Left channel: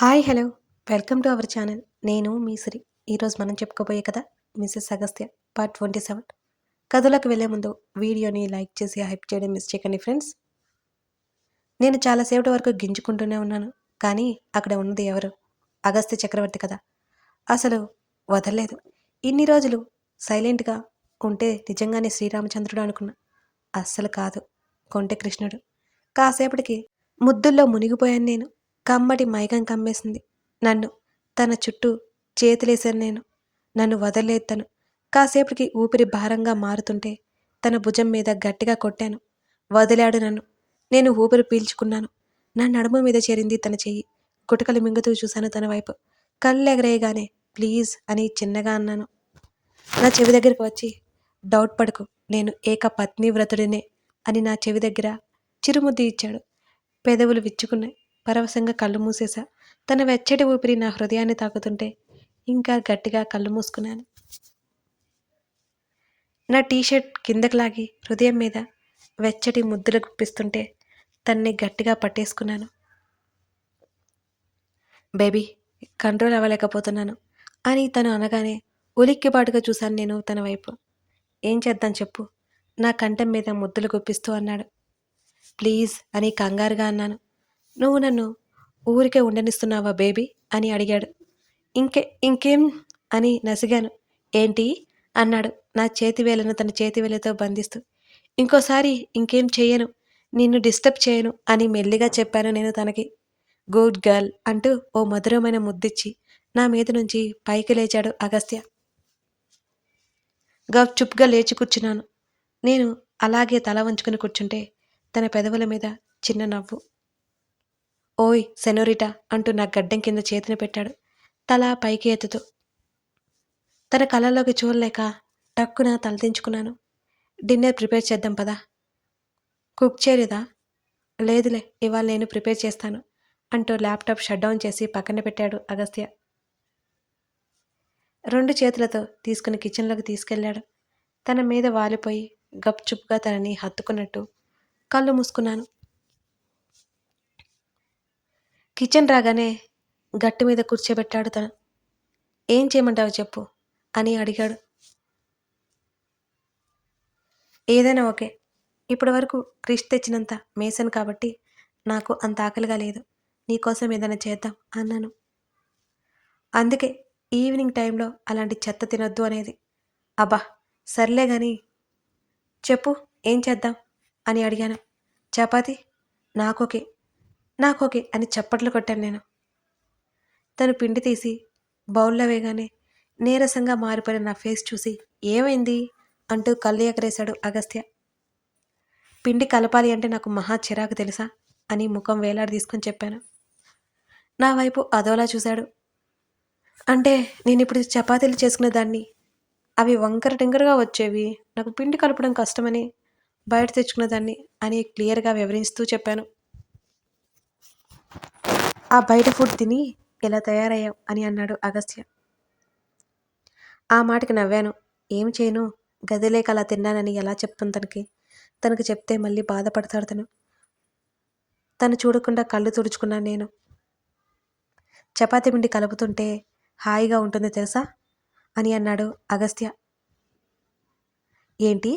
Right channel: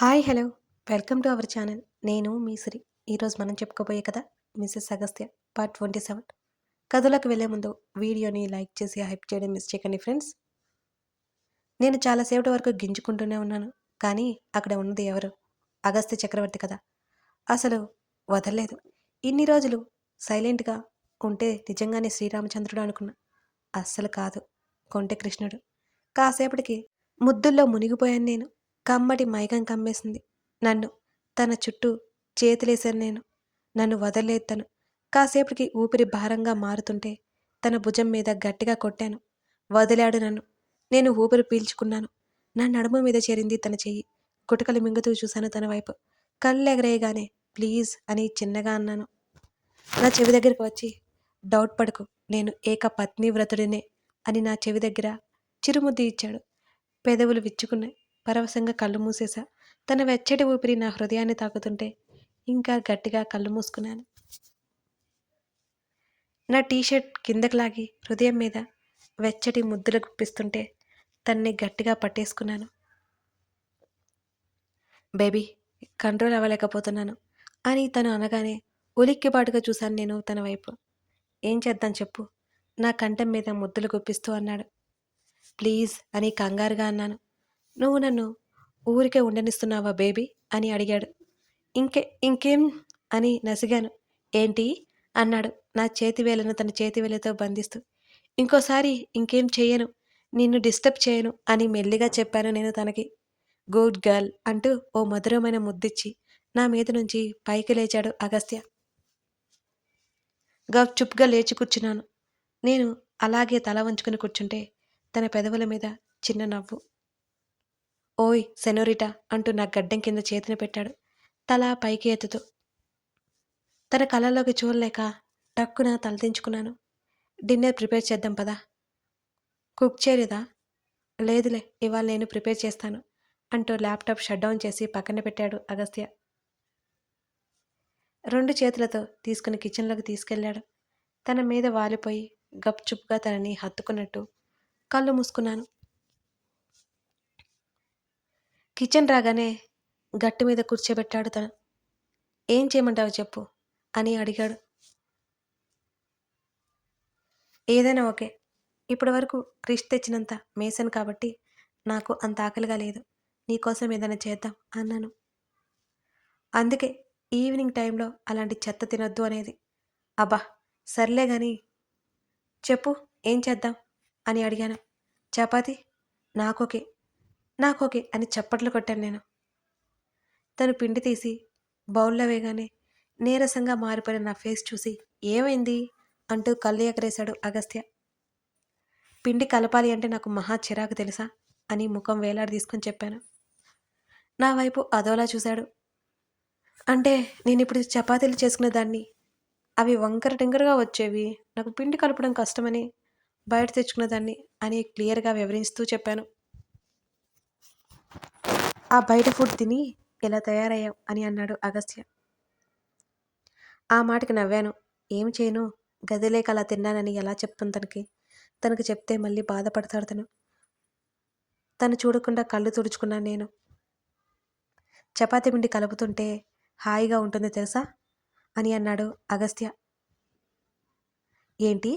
Hi hello welcome to our channel. నేను మీ సిరి. ఈరోజు మనం చెప్పుకోబోయే కథ మిసెస్ అగస్త్య పార్ట్ 27. కథలోకి వెళ్ళే ముందు వీడియోని లైక్ చేసి హైప్ చేయడం మిస్ చేయకండి ఫ్రెండ్స్. నేను చాలాసేపటి వరకు గింజుకుంటూనే ఉన్నాను, కానీ అక్కడ ఉన్నది ఎవరు? అగస్త్య చక్రవర్తి కదా. అసలు వదలలేదు. ఇన్ని రోజులు సైలెంట్గా ఉంటే నిజంగానే శ్రీరామచంద్రుడు అనుకున్నా. అస్సలు కాదు, కొంటె కృష్ణుడు. కాసేపటికి ముద్దుల్లో మునిగిపోయాను నేను. కమ్మటి మైకం కమ్మేసింది నన్ను. తన చుట్టూ చేతులేశాను నేను. నన్ను వదలలేదు తను. కాసేపటికి ఊపిరి భారంగా మారుతుంటే తన భుజం మీద గట్టిగా కొట్టాను. వదిలాడు నన్ను. నేను ఊపిరి పీల్చుకున్నాను. నా నడుము మీద చేరింది తన చెయ్యి. గుటకలు మింగుతూ చూశాను తన వైపు. కళ్ళెగరేయగానే ప్లీజ్ అని చిన్నగా అన్నాను. నా చెవి దగ్గరికి వచ్చి డౌట్ పడకు, నేను ఏక పత్నివ్రతుడినే అని నా చెవి దగ్గర చిరుముద్దు ఇచ్చాడు. పెదవులు విచ్చుకున్నాయి. పరవశంగా కళ్ళు మూసేశా. తన వెచ్చటి ఊపిరి నా హృదయాన్ని తాకుతుంటే ఇంకా గట్టిగా కళ్ళు మూసుకున్నాను. నా టీషర్ట్ కిందకి లాగి హృదయం మీద వెచ్చటి ముద్దులు గుప్పిస్తుంటే తన్ని గట్టిగా పట్టేసుకున్నాను. బేబీ, కంట్రోల్ అవ్వలేకపోతున్నాను అని తను అనగానే ఉలిక్కిపాటుగా చూశాను నేను తన వైపు. ఏం చేద్దాం చెప్పు, నా కంఠం మీద ముద్దులు గుప్పిస్తూ అన్నాడు. ప్లీజ్ అని కంగారుగా అన్నాను. నువ్వు నన్ను ఊరికే ఉండనిస్తున్నావా బేబీ అని అడిగాడు. ఇంకేం అని నసిగాను. ఏంటి అన్నాడు నా చేతివేళ్లను తన చేతివేళ్లతో బంధిస్తూ. ఇంకోసారి ఇంకేం చెయ్యను, నిన్ను డిస్టర్బ్ చేయను అని మెల్లిగా చెప్పాను నేను తనకి. గుడ్ గర్ల్ అంటూ ఓ మధురమైన ముద్దిచ్చి నా మీద నుంచి పైకి లేచాడు అగస్త్య. చుప్గా లేచి కూర్చున్నాను. నేను అలాగే తల వంచుకుని కూర్చుంటే తన పెదవుల మీద చిన్న నవ్వు. ఓయ్ సెనోరిటా అంటూ నా గడ్డం కింద చేతిని పెట్టాడు తల పైకి ఎత్తుతూ. తన కళ్ళల్లోకి చూడలేక టక్కున తలదించుకున్నాను. డిన్నర్ ప్రిపేర్ చేద్దాం పదా. కుక్ చేయలేదా? లేదులే, ఇవాళ నేను ప్రిపేర్ చేస్తాను అంటూ ల్యాప్టాప్ షట్ డౌన్ చేసి పక్కన పెట్టాడు అగస్త్య. 2 చేతులతో తీసుకుని కిచెన్లోకి తీసుకెళ్లాడు. తన మీద వాలిపోయి గప్చుప్గా తనని హత్తుకున్నట్టు కళ్ళు మూసుకున్నాను. కిచెన్ రాగానే గట్టు మీద కూర్చోబెట్టాడు తను. ఏం చేయమంటావు చెప్పు అని అడిగాడు. ఏదైనా ఓకే. ఇప్పటి వరకు క్రిష్ తెచ్చినంత మేసాను కాబట్టి నాకు అంత ఆకలిగా లేదు. నీకోసం ఏదైనా చేద్దాం అన్నాను. అందుకే ఈవినింగ్ టైంలో అలాంటి చెత్త తినొద్దు అనేది. అబ్బా సర్లే గాని చెప్పు, ఏం చేద్దాం అని అడిగాను. చపాతి? నాకోకే అని చప్పట్లు కొట్టాను నేను. తను పిండి తీసి బౌల్లో వేయగానే నీరసంగా మారిపోయిన నా ఫేస్ చూసి ఏమైంది అంటూ కళ్ళు ఎగరేశాడు అగస్త్య. పిండి కలపాలి అంటే నాకు మహా చిరాకు తెలుసా అని ముఖం వేలాడి తీసుకొని చెప్పాను. నా వైపు అదోలా చూశాడు. అంటే నేను ఇప్పుడు చపాతీలు చేసుకునే దాన్ని, అవి వంకర టింకరగా వచ్చేవి, నాకు పిండి కలపడం కష్టమని బయట తెచ్చుకునేదాన్ని అని క్లియర్గా వివరిస్తూ చెప్పాను. ఆ బయట ఫుడ్ తిని ఇలా తయారయ్యావు అని అన్నాడు అగస్త్య. ఆ మాటకి నవ్వాను. ఏం చేయను, గదిలేక అలా తిన్నానని ఎలా చెప్తాను తనకి చెప్తే మళ్ళీ బాధపడతాడు తను. తను చూడకుండా కళ్ళు తుడుచుకున్నాను నేను. చపాతీ పిండి కలుపుతుంటే హాయిగా ఉంటుంది తెలుసా అని అన్నాడు అగస్త్య. ఏంటి,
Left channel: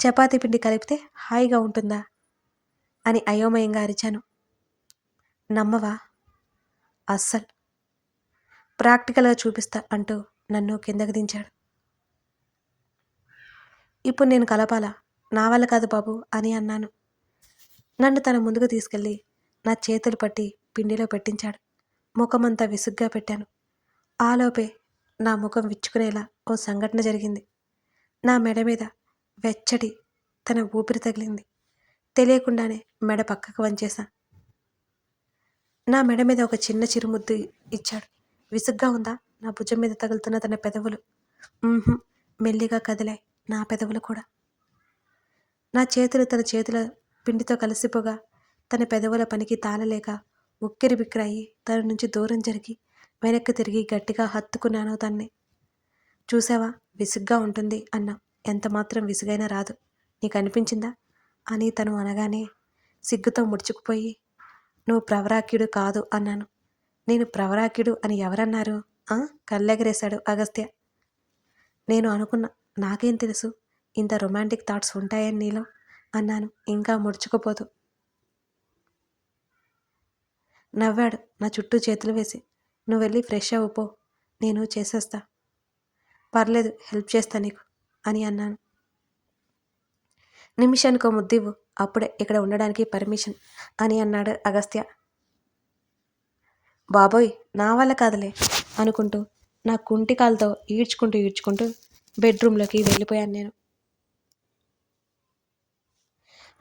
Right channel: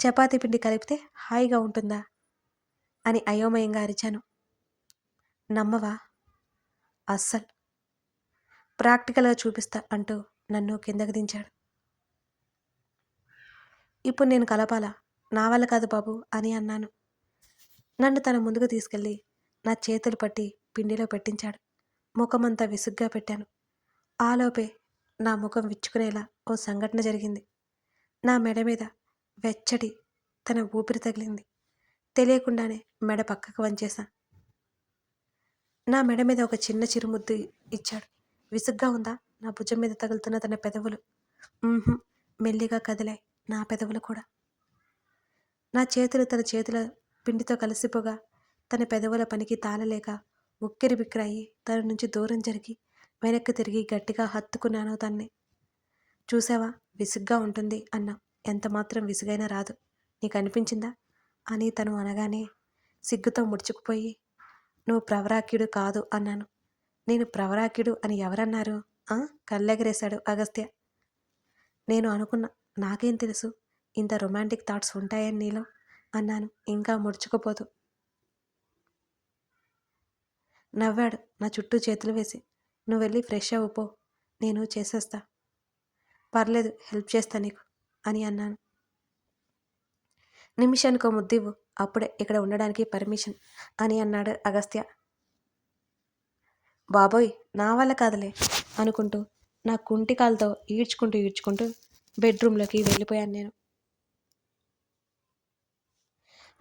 చపాతీ పిండి కలిపితే హాయిగా ఉంటుందా అని అయోమయంగా అరిచాను. నమ్మవా? అస్సలు. ప్రాక్టికల్గా చూపిస్తా అంటూ నన్ను కిందకి దించాడు. ఇప్పుడు నేను కలపాలా? నా వల్ల కాదు బాబు అని అన్నాను. నన్ను తన ముందుకు తీసుకెళ్ళి నా చేతులు పట్టి పిండిలో పెట్టించాడు. ముఖమంతా విసుగ్గా పెట్టాను. ఆలోపే నా ముఖం విచ్చుకునేలా ఓ సంఘటన జరిగింది. నా మెడ మీద వెచ్చటి తన ఊపిరి తగిలింది. తెలియకుండానే మెడ పక్కకు వంచేశా. నా మెడ మీద ఒక చిన్న చిరుముద్దు ఇచ్చాడు. విసుగ్గా ఉందా నా భుజం మీద తగులుతున్న తన పెదవులు? మెల్లిగా కదిలాయి నా పెదవులు కూడా. నా చేతులు తన చేతుల పిండితో కలిసిపోగా తన పెదవుల పనికి తాళలేక ఉక్కిరి బిక్కిరయ్యి తన నుంచి దూరం జరిగి వెనక్కి తిరిగి గట్టిగా హత్తుకున్నాను తన్ని. చూసావా, విసుగ్గా ఉంటుంది అన్నా. ఎంత మాత్రం విసుగైనా రాదు, నీకు అనిపించిందా అని తను అనగానే సిగ్గుతో ముడుచుకుపోయి నువ్వు ప్రవరాక్యుడు కాదు అన్నాను. నేను ప్రవరాక్యుడు అని ఎవరన్నారు? ఆ? కళ్ళెగరేశాడు అగస్త్య. నేను అనుకున్నా. నాకేం తెలుసు ఇంత రొమాంటిక్ థాట్స్ ఉంటాయని నీలో అన్నాను ఇంకా ముడుచుకుపోతూ. నవ్వాడు నా చుట్టూ చేతులు వేసి. నువ్వు వెళ్ళి ఫ్రెష్ అవ్వు పో, నేను చేసేస్తా. పర్లేదు, హెల్ప్ చేస్తా నీకు అని అన్నాను. నిమిషానికో ముద్దివ్వు, అప్పుడే ఇక్కడ ఉండడానికి పర్మిషన్ అని అన్నాడు అగస్త్య. బాబోయ్, నా వల్ల కాదులే అనుకుంటూ నా కుంటికాలతో ఈడ్చుకుంటూ బెడ్రూమ్లోకి వెళ్ళిపోయాను నేను.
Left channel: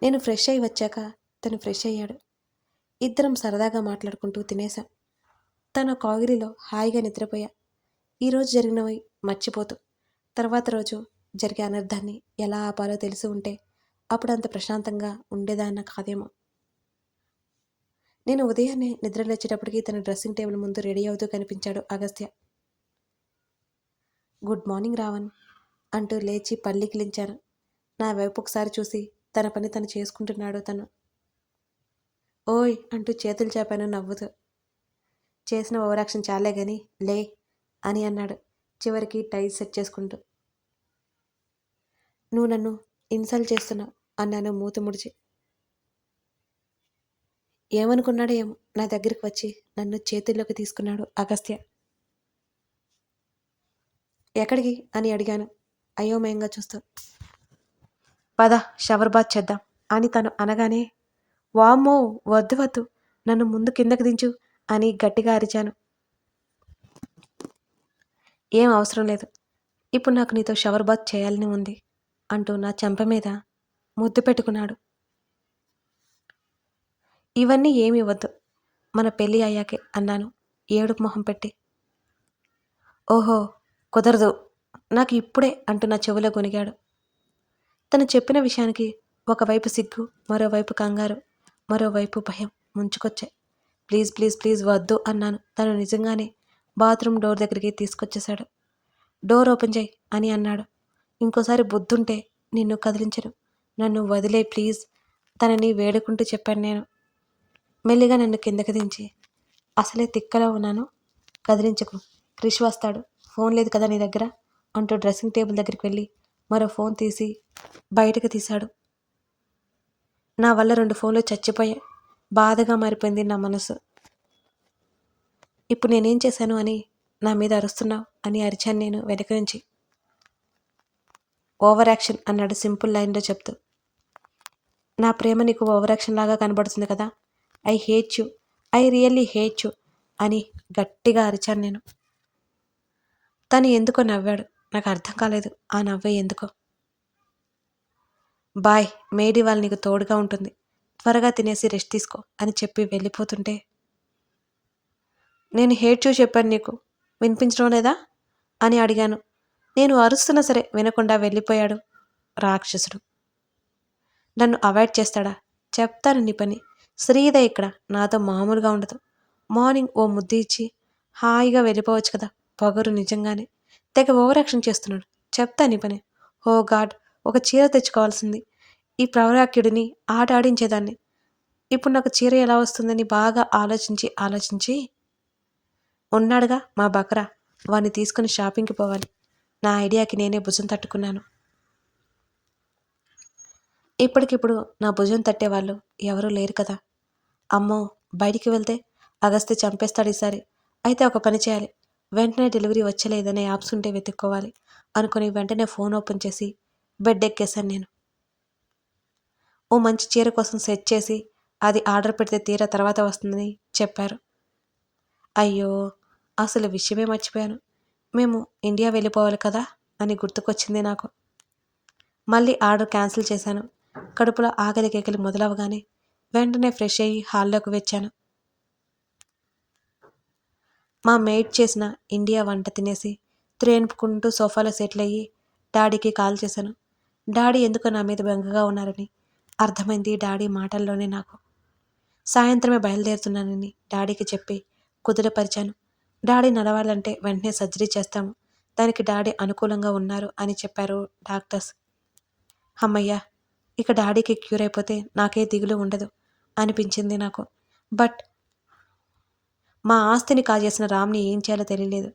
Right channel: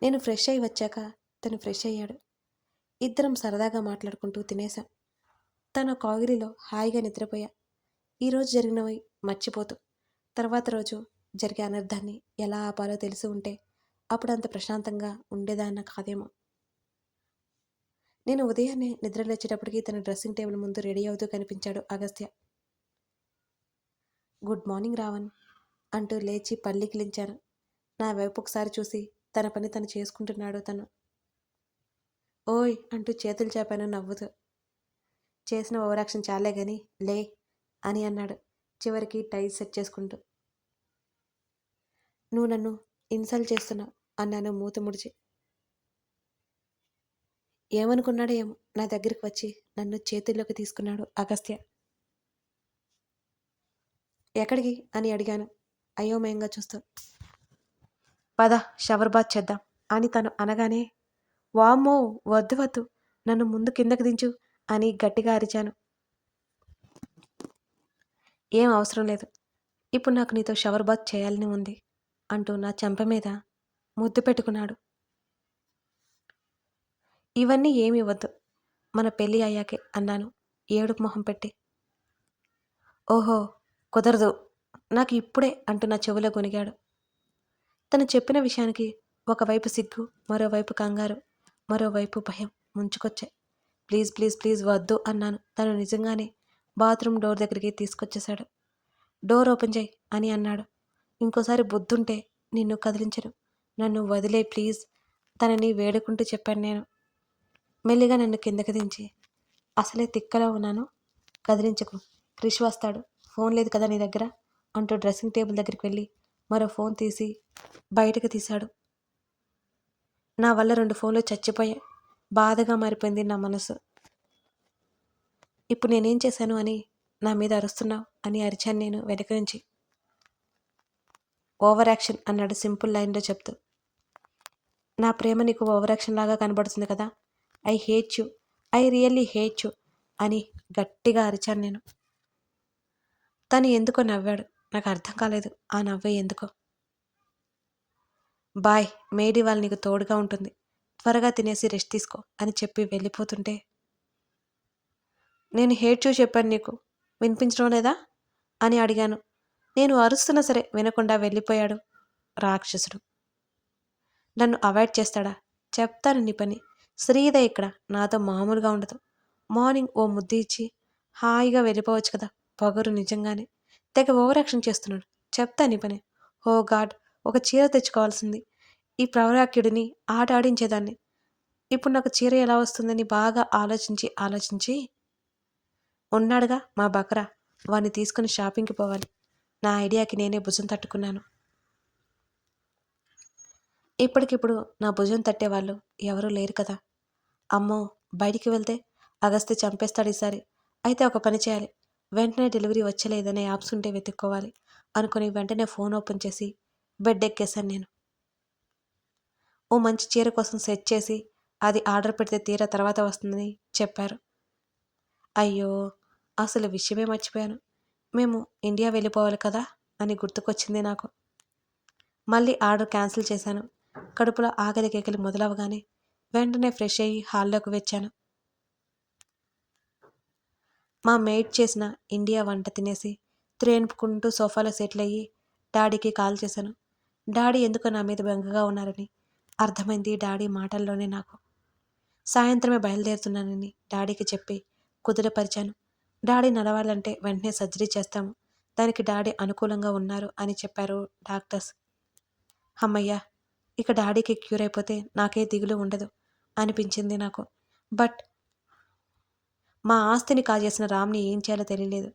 నేను ఫ్రెష్ అయి వచ్చాక తను ఫ్రెష్ అయ్యాడు. ఇద్దరం సరదాగా మాట్లాడుకుంటూ తినేశాం. తను కాగిరిలో హాయిగా నిద్రపోయా. ఈరోజు జరిగినవి మర్చిపోతూ. తర్వాత రోజు జరిగే అనర్థాన్ని ఎలా ఆపాలో తెలిసి ఉంటే అప్పుడు అంత ప్రశాంతంగా ఉండేదాన్న కాదేమో. నేను ఉదయాన్నే నిద్ర లేచేటప్పటికి తన డ్రెస్సింగ్ టేబుల్ ముందు రెడీ అవుతూ కనిపించాడు అగస్త్య. గుడ్ మార్నింగ్ రావణ్ అంటూ లేచి పల్లికిలించాను. నా వైపు ఒకసారి చూసి తన పని తను చేసుకుంటున్నాడు తను. ఓయ్ అంటూ చేతులు చాపాను నవ్వుతూ. చేసిన ఓవరాక్షన్ చాలే గాని లే అని అన్నాడు చివరికి టై సెట్ చేసుకుంటూ. నువ్వు నన్ను ఇన్సల్ట్ చేస్తున్నావు అన్నాను మూతి ముడిచి. ఏమనుకున్నాడో ఏమో నా దగ్గరికి వచ్చి నన్ను చేతుల్లోకి తీసుకున్నాడు అగస్త్య. ఎక్కడికి అని అడిగాను అయోమయంగా చూస్తూ. పద షవర్ బాత్ చేద్దాం అని తను అనగానే వామ్మో వద్దు వద్దు, నన్ను ముందు కిందకి దించు అని గట్టిగా అరిచాను. ఏం అవసరం లేదు, ఇప్పుడు నాకు నీతో షవర్ బాత్ చేయాలని ఉంది అంటూ నా చెంప మీద ముద్దు పెట్టుకున్నాడు. ఇవన్నీ ఏమి వద్దు, మన పెళ్ళి అయ్యాకే అన్నాను ఏడుపు మొహం పెట్టి. ఓహో కుదరదు నాకు ఇప్పుడే అంటూ నా చెవిలో గొనిగాడు. తను చెప్పిన విషయానికి ఒకవైపు సిగ్గు, మరోవైపు కంగారు, మరోవైపు భయం ముంచుకొచ్చాయి. ప్లీజ్ ప్లీజ్ ప్లీజ్ వద్దు అన్నాను. తను నిజంగానే బాత్రూమ్ డోర్ దగ్గరికి తీసుకొచ్చేశాడు. డోర్ ఓపెన్ చేయి అని అన్నాడు. ఇంకోసారి బుద్ధుంటే నిన్ను కదిలించను, నన్ను వదిలే ప్లీజ్ తనని వేడుకుంటూ చెప్పాను నేను. మెల్లిగా నన్ను కిందకి దించి, అసలే తిక్కలో ఉన్నాను, కదిలించకు, క్రిష్ వస్తాడు, ఫోన్ లేదు కదా నీ దగ్గర అంటూ డ్రెస్సింగ్ టేబుల్ దగ్గరికి వెళ్ళి మరో ఫోన్ తీసి బయటకు తీశాడు. నా వల్ల 2 ఫోన్లు చచ్చిపోయాయి. బాధగా మారిపోయింది నా మనసు. ఇప్పుడు నేనేం చేశాను అని నా మీద అరుస్తున్నావు అని అరిచాను నేను వెనక నుంచి. ఓవర్ యాక్షన్ అన్నాడు సింపుల్ లైన్లో చెప్తూ. నా ప్రేమ నీకు ఓవర్ యాక్షన్ లాగా కనబడుతుంది కదా, I hate you, I really hate you అని గట్టిగా అరిచాను నేను. తను ఎందుకో నవ్వాడు. నాకు అర్థం కాలేదు ఆ నవ్వే ఎందుకో. బాయ్, మేడీ వాళ్ళు నీకు తోడుగా ఉంటుంది, త్వరగా తినేసి రెస్ట్ తీసుకో అని చెప్పి వెళ్ళిపోతుంటే, నేను హేట్ యూ చెప్పాను నీకు, వినిపించడం లేదా అని అడిగాను. నేను అరుస్తున్నా సరే వినకుండా వెళ్ళిపోయాడు రాక్షసుడు. నన్ను అవాయిడ్ చేస్తాడా? చెప్తాను నీ పని. శ్రీద ఇక్కడ నాతో మామూలుగా ఉండదు. మార్నింగ్ ఓ ముద్దు ఇచ్చి హాయిగా వెళ్ళిపోవచ్చు కదా. పొగరు నిజంగానే తెగ ఓవర్ యాక్షన్ చేస్తున్నాడు. చెప్తా నీ పని. ఓ గాడ్, ఒక చీర తెచ్చుకోవాల్సింది. ఈ ప్రవరాక్యుడిని ఆట ఆడించేదాన్ని. ఇప్పుడు నాకు చీర ఎలా వస్తుందని బాగా ఆలోచించి ఉన్నాడుగా మా బకరా, వాడిని తీసుకుని షాపింగ్కి పోవాలి. నా ఐడియాకి నేనే భుజం తట్టుకున్నాను. ఇప్పటికిప్పుడు నా భుజం తట్టేవాళ్ళు ఎవరూ లేరు కదా. అమ్మో, బయటికి వెళ్తే అగస్త్య చంపేస్తాడు ఈసారి. అయితే ఒక పని చేయాలి, వెంటనే డెలివరీ వచ్చలేదనే యాప్స్ ఉంటే వెతుక్కోవాలి అనుకుని వెంటనే ఫోన్ ఓపెన్ చేసి బెడ్ ఎక్కేశాను నేను. ఓ మంచి చీర కోసం సెట్ చేసి అది ఆర్డర్ పెడితే తీరా తర్వాత వస్తుందని చెప్పారు. అయ్యో, అసలు విషయమే మర్చిపోయాను. మేము ఇండియా వెళ్ళిపోవాలి కదా అని గుర్తుకొచ్చింది నాకు. మళ్ళీ ఆర్డర్ క్యాన్సిల్ చేశాను. కడుపులో ఆకలి కేకలి మొదలవగానే వెంటనే ఫ్రెష్ అయ్యి హాల్లోకి వచ్చాను. మా మెయిడ్ చేసిన ఇండియా వంట తినేసి త్రేన్పుకుంటూ సోఫాలో సెటిల్ అయ్యి డాడీకి కాల్ చేశాను. డాడీ ఎందుకో నా మీద బెంగగా ఉన్నారని అర్థమైంది డాడీ మాటల్లోనే నాకు. సాయంత్రమే బయలుదేరుతున్నానని డాడీకి చెప్పి కుదుటపరిచాను. డాడీ నడవాలంటే వెంటనే సర్జరీ చేస్తాము, దానికి డాడీ అనుకూలంగా ఉన్నారు అని చెప్పారు డాక్టర్స్. అమ్మయ్య, ఇక డాడీకి క్యూర్ అయిపోతే నాకే దిగులు ఉండదు అనిపించింది నాకు. బట్ మా ఆస్తిని కాజేసిన రామ్‌ని ఏం చేయాలో తెలియలేదు.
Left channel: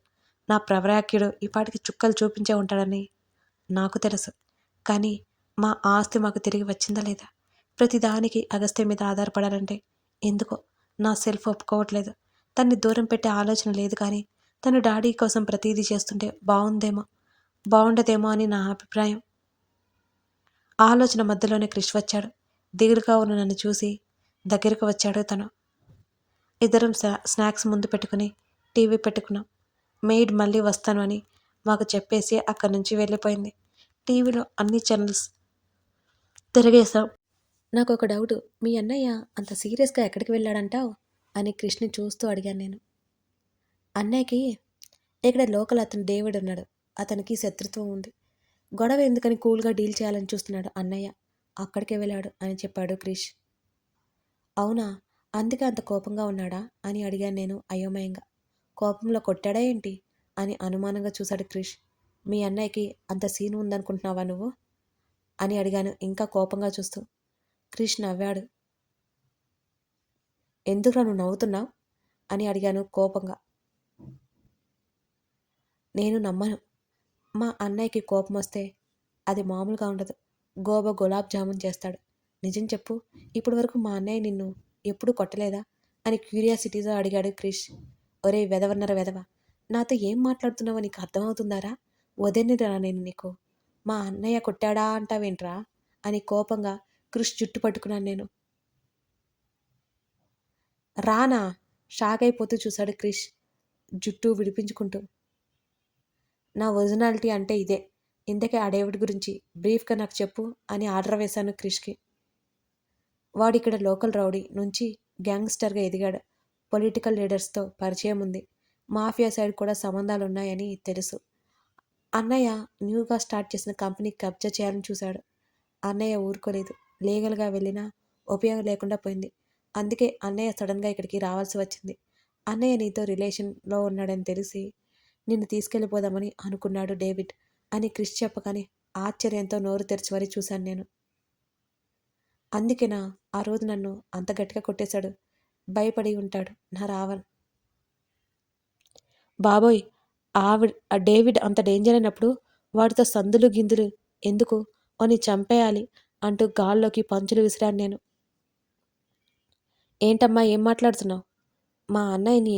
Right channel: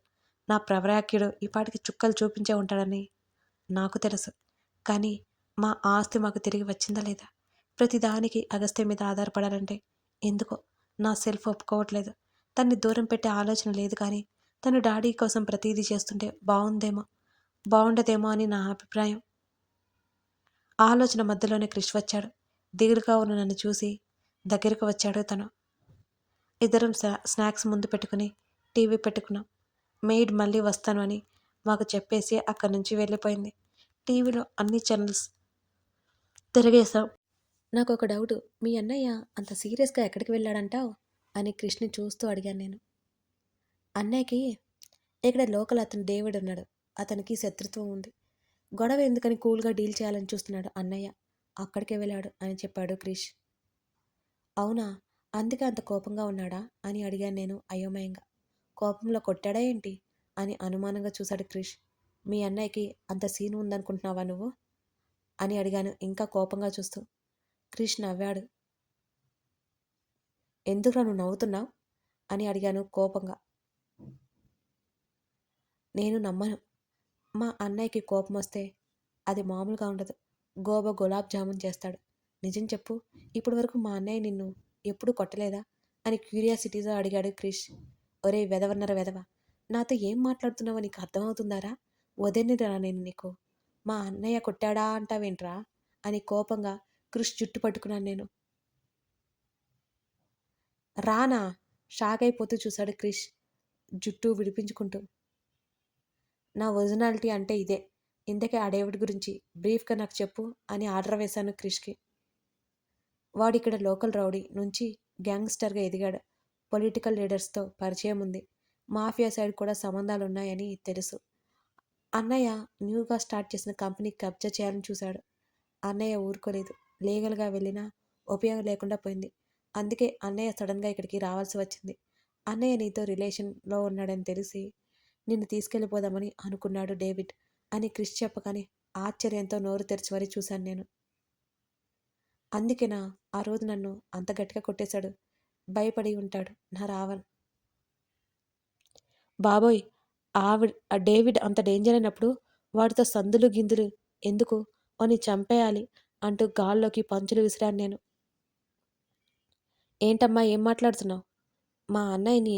నా ప్రవరాఖ్యుడు ఈ పాటికి చుక్కలు చూపించే ఉంటాడని నాకు తెలుసు. కానీ మా ఆస్తి మాకు తిరిగి వచ్చిందా లేదా? ప్రతిదానికి అగస్త్య మీద ఆధారపడాలంటే ఎందుకో నా సెల్ఫ్ ఒప్పుకోవట్లేదు. తన్ని దూరం పెట్టే ఆలోచన లేదు కానీ, తను డాడీ కోసం ప్రతీదీ చేస్తుంటే బావుండదేమో అని నా అభిప్రాయం. ఆలోచన మధ్యలోనే క్రిష్ వచ్చాడు. దిగులుగా ఉన్న నన్ను చూసి దగ్గరకు వచ్చాడు తను. ఇద్దరం స్నాక్స్ ముందు పెట్టుకుని టీవీ పెట్టుకున్నాం. మెయిడ్ మళ్ళీ వస్తాను అని మాకు చెప్పేసి అక్కడి నుంచి వెళ్ళిపోయింది. టీవీలో అన్ని ఛానల్స్ తిరిగేశాం. నాకొక డౌటు. మీ అన్నయ్య అంత సీరియస్‌గా ఎక్కడికి వెళ్ళాడంటావు? అని క్రిష్‌ని చూస్తూ అడిగాను నేను. అన్నయ్యకి ఇక్కడ లోకల్ అతను డేవిడ్ ఉన్నాడు. అతనికి శత్రుత్వం ఉంది. గొడవ ఎందుకని కూల్‌గా డీల్ చేయాలని చూస్తున్నాడు అన్నయ్య. అక్కడికే వెళ్ళాడు అని చెప్పాడు క్రిష్. అవునా? అందుకే అంత కోపంగా ఉన్నాడా? అని అడిగాను నేను అయోమయంగా. కోపంలో కొట్టాడా ఏంటి? అని అనుమానంగా చూశాడు క్రిష్. మీ అన్నయ్యకి అంత సీన్ ఉందనుకుంటున్నావా నువ్వు? అని అడిగాను ఇంకా కోపంగా చూస్తూ. క్రిష్ నవ్వాడు. ఎందుకురా నువ్వు నవ్వుతున్నావు? అని అడిగాను కోపంగా. నేను నమ్మను. మా అన్నయ్యకి కోపమొస్తే అది మామూలుగా ఉండదు. గులాబ్ జామున్ చేస్తాడు. నిజం చెప్పు. ఇప్పటి వరకు మా అన్నయ్య నిన్ను ఎప్పుడూ కొట్టలేదా? అని క్యూరియాసిటీతో అడిగాడు క్రిష్. ఒరేయ్ వెధవన్నర వెధవ! నాతో ఏం మాట్లాడుతున్నావో నీకు అర్థమవుతుందారా? వదినరా నేను నీకు. మా అన్నయ్య కొట్టాడా అంటావేంట్రా? అని కోపంగా క్రిష్ జుట్టు పట్టుకున్నాను నేను. రానా? షాక్ అయిపోతూ చూశాడు క్రిష్ జుట్టు విడిపించుకుంటూ. నా ఒరిజినాలిటీ అంటే ఇదే. ఇంతకీ ఆ డేవిడ్ గురించి బ్రీఫ్గా నాకు చెప్పు అని ఆర్డర్ వేశాను క్రిష్కి. వాడిక్కడ లోకల్ రౌడీ నుంచి గ్యాంగ్స్టర్గా ఎదిగాడు. పొలిటికల్ లీడర్స్తో పరిచయం ఉంది. మాఫియా సైడ్ కూడా సంబంధాలున్నాయని తెలుసు. అన్నయ్య న్యూగా స్టార్ట్ చేసిన కంపెనీ కబ్జా చేయాలని చూశాడు. అన్నయ్య ఊరుకోలేదు. లీగల్గా వెళ్ళినా ఉపయోగం లేకుండా పోయింది. అందుకే అన్నయ్య సడన్గా ఇక్కడికి రావాల్సి వచ్చింది. అన్నయ్య నీతో రిలేషన్లో ఉన్నాడని తెలిసి నిన్ను తీసుకెళ్ళిపోదామని అనుకున్నాడు డేవిడ్ అని క్రిష్ చెప్పగానే ఆశ్చర్యంతో నోరు తెరిచి మరీ చూశాను నేను. అందుకేనా ఆ రోజు నన్ను అంత గట్టిగా కొట్టేశాడు? భయపడి ఉంటాడు నా రావణ్. బాబోయ్! ఆ డేవిడ్ అంత డేంజర్ అయినప్పుడు వాడితో సందులు గిందులు ఎందుకు? వాడిని చంపేయాలి అంటూ గాల్లోకి పంచులు విసిరాను నేను. ఏంటమ్మా ఏం మాట్లాడుతున్నావు? మా అన్నయ్యని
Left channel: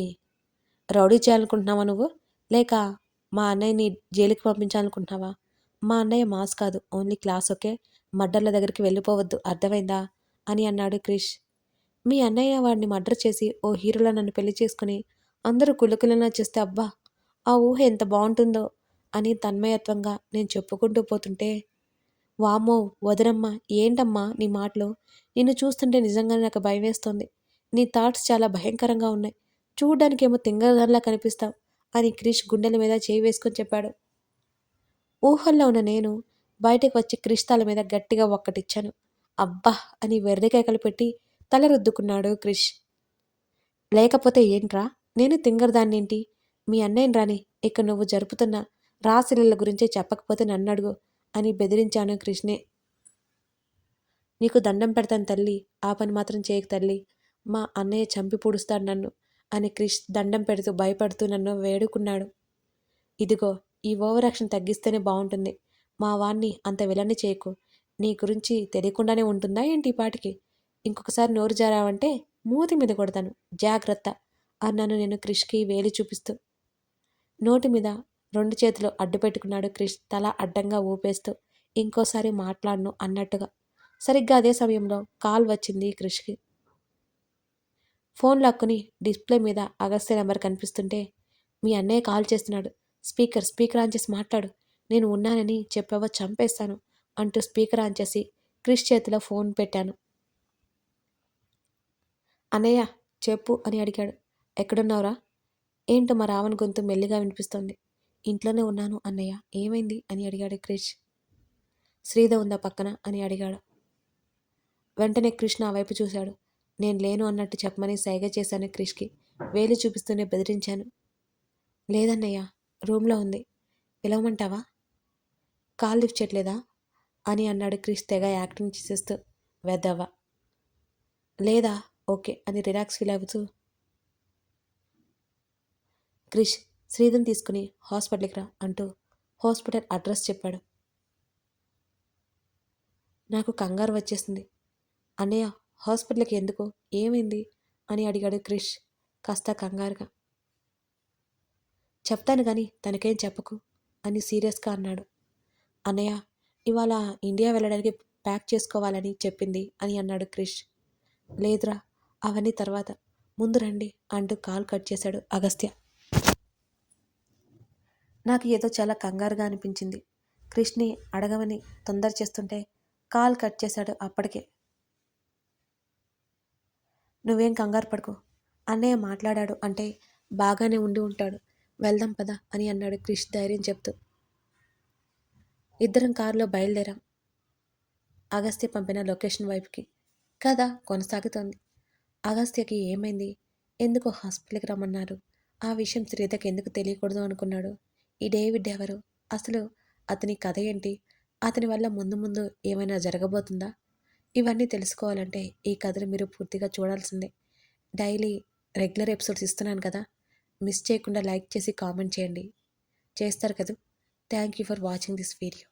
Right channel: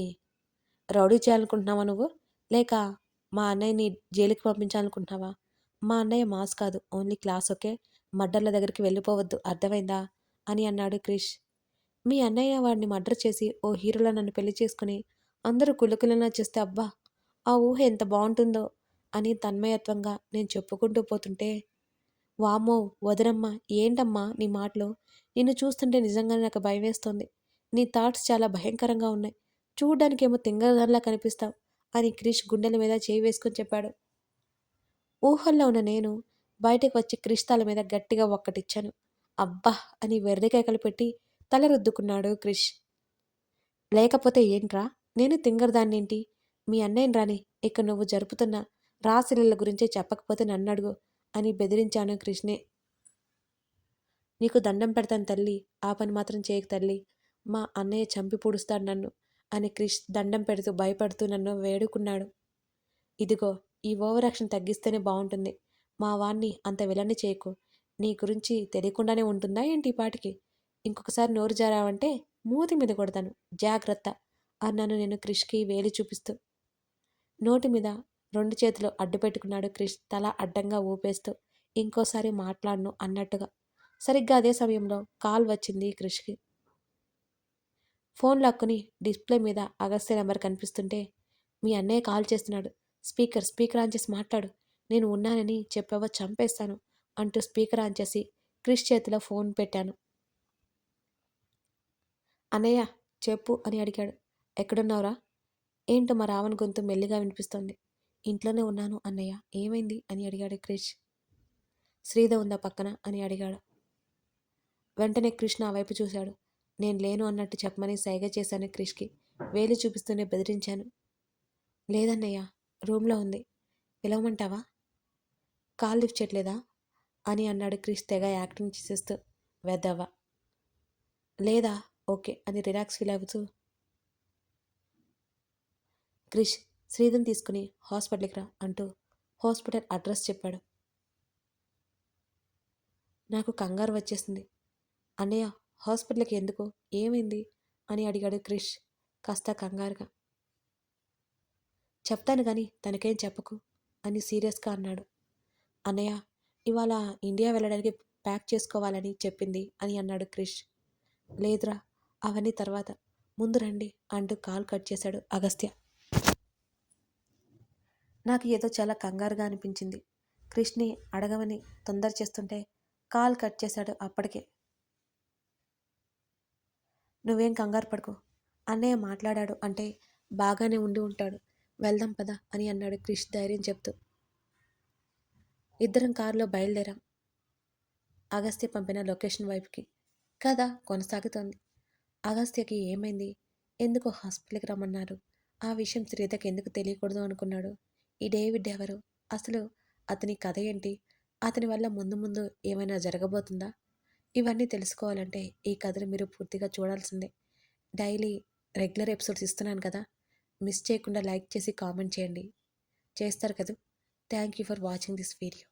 రౌడీ చేయాలనుకుంటున్నావా నువ్వు? లేక మా అన్నయ్యని జైలుకి పంపించాలనుకుంటున్నావా? మా అన్నయ్య మాస్ కాదు. Only class okay. మర్డర్ల దగ్గరికి వెళ్ళిపోవద్దు అర్థమైందా? అని అన్నాడు క్రిష్. మీ అన్నయ్య వాడిని మర్డర్ చేసి ఓ హీరోలా నన్ను పెళ్లి చేసుకుని అందరూ కులుకులనా చేస్తే అబ్బా! ఆ ఊహ ఎంత బావుంటుందో అని తన్మయత్వంగా నేను చెప్పుకుంటూ పోతుంటే, వామ్మో! వదినమ్మా ఏంటమ్మా నీ మాటలు? నిన్ను చూస్తుంటే నిజంగానే నాకు భయమేస్తోంది. నీ థాట్స్ చాలా భయంకరంగా ఉన్నాయి. చూడ్డానికేమో తింగరదానిలా కనిపిస్తావు అని క్రిష్ గుండెల మీద చేయి వేసుకొని చెప్పాడు. ఊహల్లో ఉన్న నేను బయటకు వచ్చి క్రిష్ తల మీద గట్టిగా ఒక్కటిచ్చాను. అబ్బా! అని వెర్రికేకలు పెట్టి తల రుద్దుకున్నాడు క్రిష్. లేకపోతే ఏంట్రా? నేను తింగరదాన్నేంటి? మీ అన్నయ్యని రాని ఇక్కడ నువ్వు జరుపుతున్న రాసలీల గురించి చెప్పకపోతే నన్నడుగు అని బెదిరించాను క్రిష్‌ని. నీకు దండం పెడతాను తల్లి. ఆ పని మాత్రం చేయకు తల్లి. మా అన్నయ్య చంపి పూడుస్తాడు నన్ను అని క్రిష్ దండం పెడుతూ భయపడుతూ నన్ను వేడుకున్నాడు. ఇదిగో ఈ ఓవర్ యాక్షన్ తగ్గిస్తేనే బావుంటుంది. మా వాడిని అంత విలన్ని చేయకు. నీ గురించి తెలియకుండానే ఉంటుందా ఏంటి ఈ పాటికి? ఇంకొకసారి నోరు జారావంటే మూతి మీద కొడతాను. జాగ్రత్త అన్నాను నేను క్రిష్‌కి వేలి చూపిస్తూ. నోటి మీద 2 చేతులు అడ్డు పెట్టుకున్నాడు క్రిష్ తల అడ్డంగా ఊపేస్తూ. ఇంకోసారి మాట్లాడను అన్నట్టుగా. సరిగ్గా అదే సమయంలో కాల్ వచ్చింది క్రిష్‌కి. ఫోన్ లాక్కుని డిస్‌ప్లే మీద అగస్త్య నెంబర్ కనిపిస్తుంటే, మీ అన్నయ్య కాల్ చేస్తున్నాడు. స్పీకర్ ఆన్ చేసి మాట్లాడు. నేను ఉన్నానని చెప్పావో చంపేస్తాను అంటూ స్పీకర్ ఆన్ చేసి క్రిష్ చేతిలో ఫోన్ పెట్టాను. అన్నయ్య చెప్పు అని అడిగాడు. ఎక్కడున్నావురా? ఏంటో మా రావణ్ గొంతు మెల్లిగా వినిపిస్తోంది. ఇంట్లోనే ఉన్నాను అన్నయ్య. ఏమైంది అని అడిగాడు క్రిష్. శ్రీధ ఉందా పక్కన అని అడిగాడు. వెంటనే క్రిష్ నా వైపు చూశాడు. నేను లేను అన్నట్టు చెప్పమని సైగ చేశాను క్రిష్‌కి. వేలు చూపిస్తూనే బెదిరించాను. లేదన్నయ్య రూమ్‌లో ఉంది. పిలవమంటావా? కాల్ లిఫ్ట్ చేయట్లేదా? అని అన్నాడు క్రిష్ తెగ యాక్టింగ్ చేసేస్తూ. వెధవ. లేదా ఓకే అని రిలాక్స్ ఫీల్ అవుతూ క్రిష్ శ్రీధర్ని తీసుకుని హాస్పిటల్కి రా అంటూ హాస్పిటల్ అడ్రస్ చెప్పాడు. నాకు కంగారు వచ్చేసింది. అన్నయ్య హాస్పిటల్కి ఎందుకు, ఏమైంది అని అడిగాడు క్రిష్ కాస్త కంగారుగా. చెప్తాను కానీ తనకేం చెప్పకు అని సీరియస్గా అన్నాడు. అన్నయ్య ఇవాళ ఇండియా వెళ్ళడానికి ప్యాక్ చేసుకోవాలని చెప్పింది అని అన్నాడు క్రిష్. లేదురా, అవన్నీ తర్వాత, ముందు రండి అంటూ కాల్ కట్ చేశాడు అగస్త్య. నాకు ఏదో చాలా కంగారుగా అనిపించింది. క్రిష్ని అడగమని తొందర చేస్తుంటే కాల్ కట్ చేశాడు అప్పటికే. నువ్వేం కంగారు పడుకో, అన్నయ్య మాట్లాడాడు అంటే బాగానే ఉండి ఉంటాడు, వెళ్దాం పద అని అన్నాడు క్రిష్ ధైర్యం చెప్తూ. ఇద్దరం కారులో బయలుదేరాం అగస్త్య పంపిన లొకేషన్ వైపుకి. కథ కొనసాగుతోంది. అగస్త్యకి ఏమైంది, ఎందుకు హాస్పిటల్కి రమ్మన్నారు, ఆ విషయం శ్రీధకి ఎందుకు తెలియకూడదు అనుకున్నాడు, ఈ డేవిడ్ ఎవరు, అసలు అతని కథ ఏంటి, అతని వల్ల ముందు ముందు ఏమైనా జరగబోతుందా, ఇవన్నీ తెలుసుకోవాలంటే ఈ కథను మీరు పూర్తిగా చూడాల్సిందే. డైలీ రెగ్యులర్ ఎపిసోడ్స్ ఇస్తున్నాను కదా, మిస్ చేయకుండా లైక్ చేసి కామెంట్ చేయండి. చేస్తారు కదా. Thank you for watching this video.